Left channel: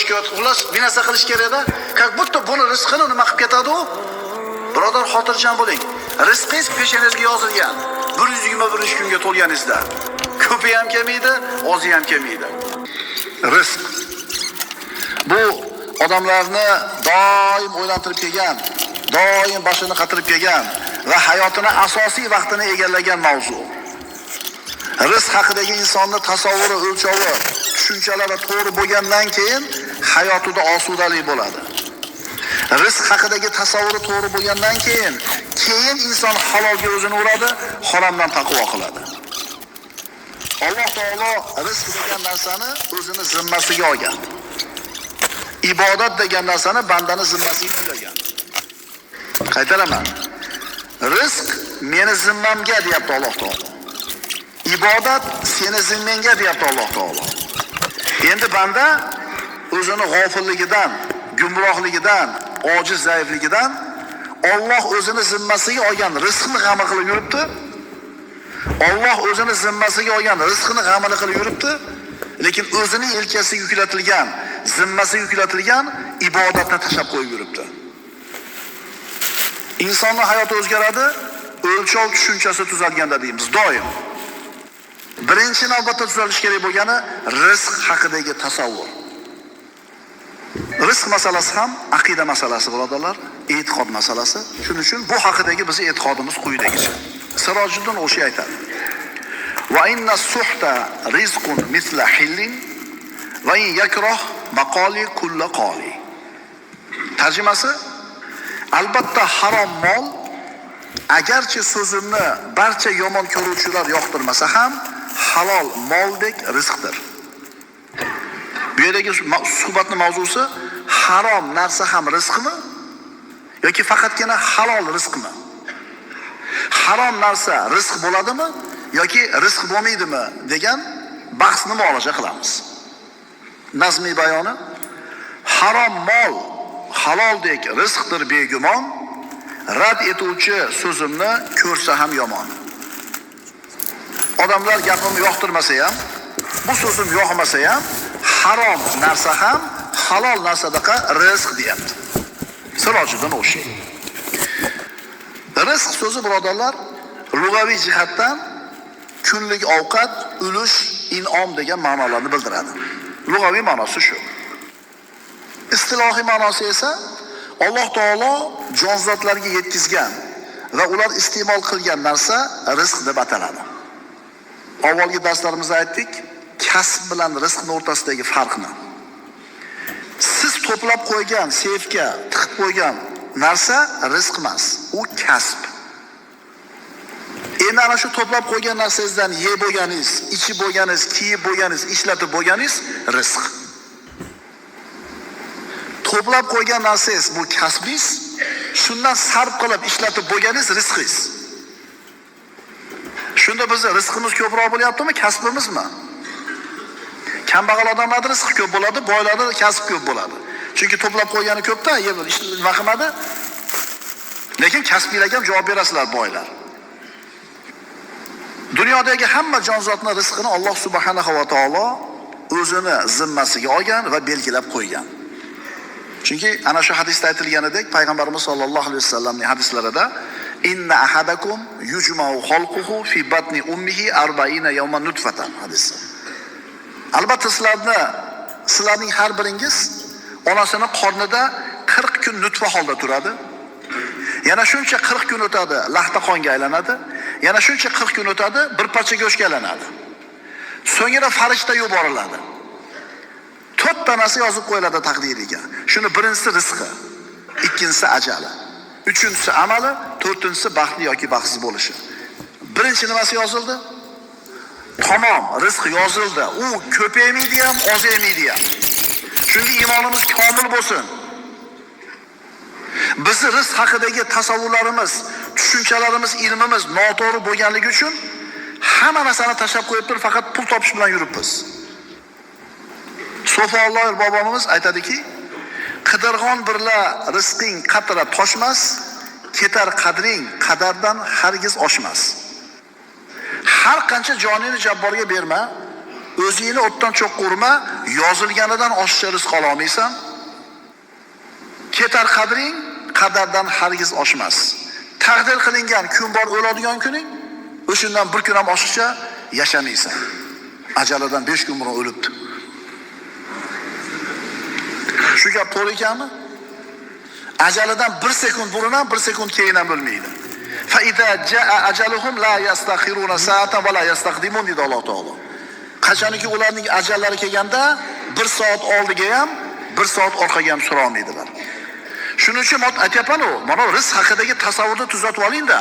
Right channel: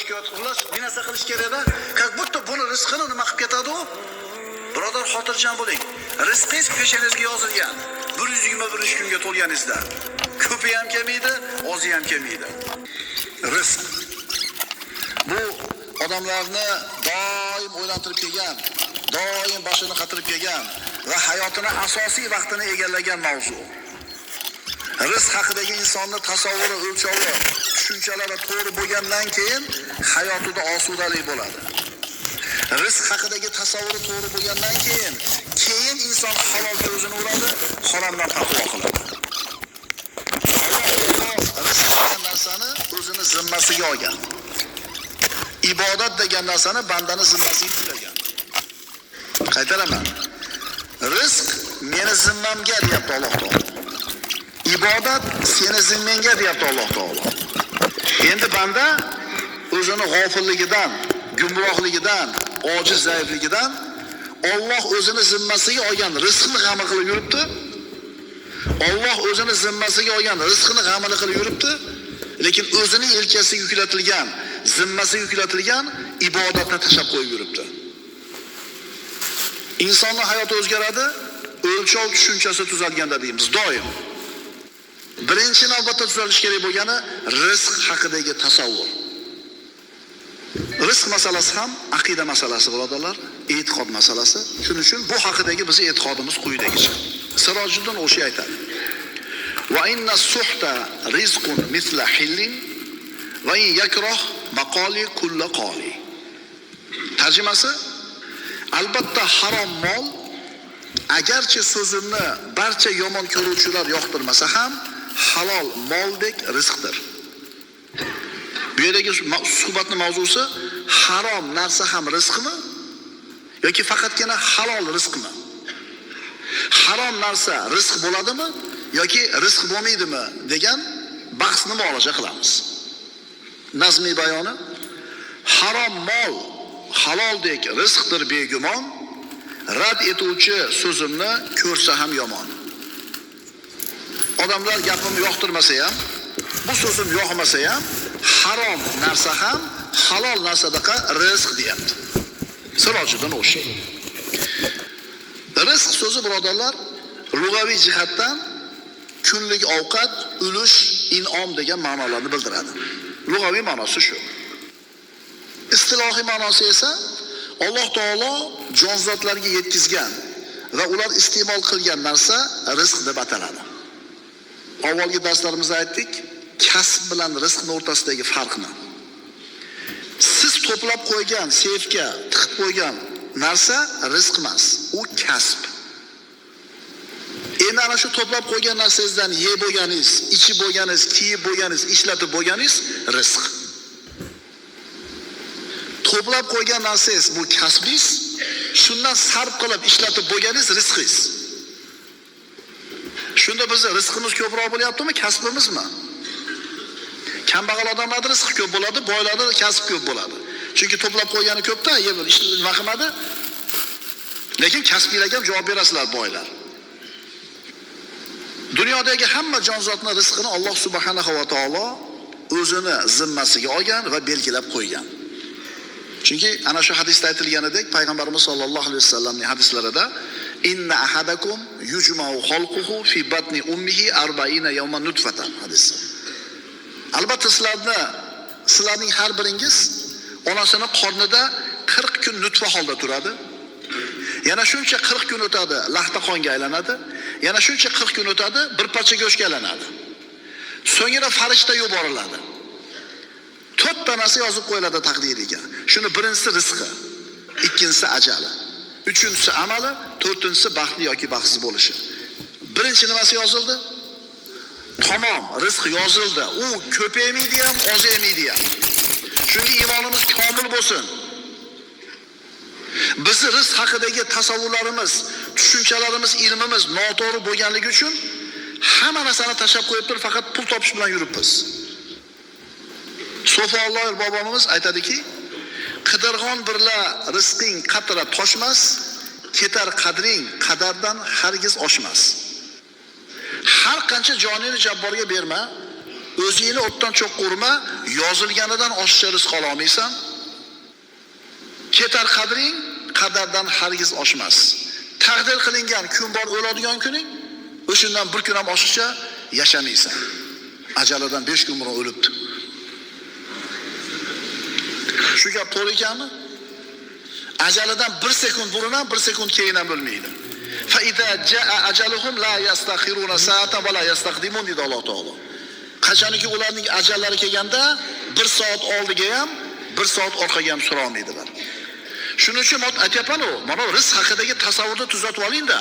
shikoyat xullas bir narsa qilish kerak-da. Как будто buni rizqini nima qilib ketadi u? Birodar, xotirjam bo'ling. Rizqingiz peshonangizga yozilgan. 121 kunga to'lganingizda. Ko'pi ham kelmaydi, ozi ham kelmaydi. Rizq. Bu odamlarni doim o'ylantirib kelgan, doim boshini qatirib kelgan va hayotini asosiy vaqtini egallagan mavzu. Rizq haqidagi insonning tasavvuri, o'lchovi, tushunchalari to'g'ri bo'lgandan keyin hayotida osudalik bo'ladi. Rizq haqidagi tasavvuri to'g'ri bo'lgandan keyin inson halolga o'zini uradi, haromdan taqvo qiladi. Alloh taolo rizq degan narsani o'zini zimmasiga olgan. Ibodat degan narsani bandani zimmasiga yuklagan. Qaytaraman. Rizq meni zimmamga deyapti Alloh taolo. Ibodat seni zimmangga deyapti Alloh taolo. Endi banda o'zini g'ofilligidan, gumrohligidan, ojiz zaifligidan Alloh o'zini zimmasiga olgan rizqni g'amini qilib yuribdi. Alloh o'zini zimmasiga olgan rizqni g'amini qilib yuribdi, lekin o'zining yelkasiga yuklatilgan, zimmasiga yuklatilgan ibodatni tashlab qo'yib yuribdi. Insonning hayoti o'zgaradi, o'lchov tushunchasi tuzalganda deymiz doim. Birinchi navbatda tuzalish kerak bo'lgani rizq haqidagi tasavvur. Rizq masalasi ham aqida masalasi birodarlar, e'tiqod masalasi. Shuning uchun bu haqidagi bizning e'tiqodimiz quyidagicha. Sirojiddin O'shi aytadi: "Va inna suhta rizqun misla hillin va in yakrah maqali kulli qali." Tarjimasi: albatta harom mol agarchi so'zimni barcha yomon ko'ruvchilar yoqtirmasa ham halol moldek rizqdir. Bu yerdagi suhbatning mavzusi harom narsa ham rizqmi yoki faqatgina halol rizqmi? Harom narsa rizq bo'ladimi yoki rizq bo'lmaydimi degan bahsni muolaja qilamiz. Nazmiy bayoni: harom mol haloldek rizqdir begumon, rad etuvchi so'zimni ko'rsa ham yomon. Odamlar gapimni yoqtirmasa ham, bu so'zim yoqmasa ham, harom narsa ham halol narsadaqa rizq deyapti. Sirojiddin O'shi. Rizq so'zi birodarlar lug'aviy jihatdan kunlik ovqat, ulush, in'om degan ma'nolarni bildiradi. Lug'aviy ma'nosi shu. Istilohiy ma'nosi esa Alloh taolo jonzotlarga yetkazgan va ular iste'mol qilgan narsa rizq deb ataladi. Avvalgi darslarimizda aytdik, kasb bilan rizqning o'rtasidagi farqni. Siz to'plab qo'ygan, seyfga tiqib qo'ygan narsa rizq emas, u kasb. Endi ana shu to'plab qo'ygan narsangizdan yeb bo'lganingiz, ichib bo'lganingiz, kiyib bo'lganingiz, ishlatib bo'lganingiz rizq. To'plab qo'ygan narsangiz bu kasbingiz, shundan sarf qilib ishlatib bo'lganingiz rizqingiz. Shunda bizning rizqimiz ko'proq bo'lyaptimi, kasbimizmi? Kambag'al odamlar rizqi ko'p bo'ladi, boylarda kasb ko'p bo'ladi. Chunki to'plab qo'ygani ko'pda, nima qilmadi? Lekin kasbiylarga ham javob berasizlar boylar. Dunyodagi hamma jonzotning rizqini Alloh subhanahu va taolo o'zini zimmasiga olgan va belgilab qo'ygan. Chunki ana shu hadisda aytilganidek, payg'ambarimiz sollallohu alayhi vasallamning hadislarida inna ahadakum yujma'u khalquhu fi batni ummihi 40 yawman nutfatan hadisi. Albatta sizlarning har biringiz onasining qornida 40 kun nutfa holda turadi. Yana shuncha 40 kun o'tadi, lahta qonga aylanadi. Yana shuncha 40 kun o'tadi, bir parcha go'shtga aylanadi. So'ngra farishta yuboriladi. 4 tanasi yozib qo'yiladi taqdiriga. Shuni birinchisi rizqi, ikkinchisi ajali, uchinchisi amali, to'rtinchisi baxtli yoki baxtsiz bo'lishi. Birinchi nimasi yozildi? Tamom, rizq yozildi. U ko'paymaydi ham, ozaymaydi ham. Chunki iymonimiz komil bo'lsin. Bizning rizq haqidagi tasavvurlarimiz, tushunchalarimiz, ilmimiz noto'g'ri bo'lganligi uchun hamma narsani tashlab qo'yib turib faqat pul topish bilan yuribmiz. So'folloh bobomiz aytadiki, qidirg'on birla rizqing qatra toshmas, ketar qadring qadardan hargiz oshmas. Har qancha joningni jabborga berma, O'zingni o'tdan cho'qqa urma, yozilganidan oshiqcha rizq ola olmaysan. Ketar qadring, qadardan hargiz oshmas. Taqdir qilingan kun bor, o'ladigan kuning, o'shundan bir kun ham oshiqcha yashamaysan. Ajalidan 5 kun burun o'libdi. Shu gap to'g'ri ekanmi? Ajalidan 1 sekund burun ham 1 sekund keyin ham bo'lmaydi. Fa idza jaa ajaluhum la yastakhiruna sa'atan va la yastaqdimun dedi Alloh taolo. Qachonki ularning ajallari kelganda 1 soat oldiga ham 1 soat orqaga ham sura olmaydilar. Shuning uchun men aytayapman, mana rizq haqidagi tasavvurni tuzatib oling-da.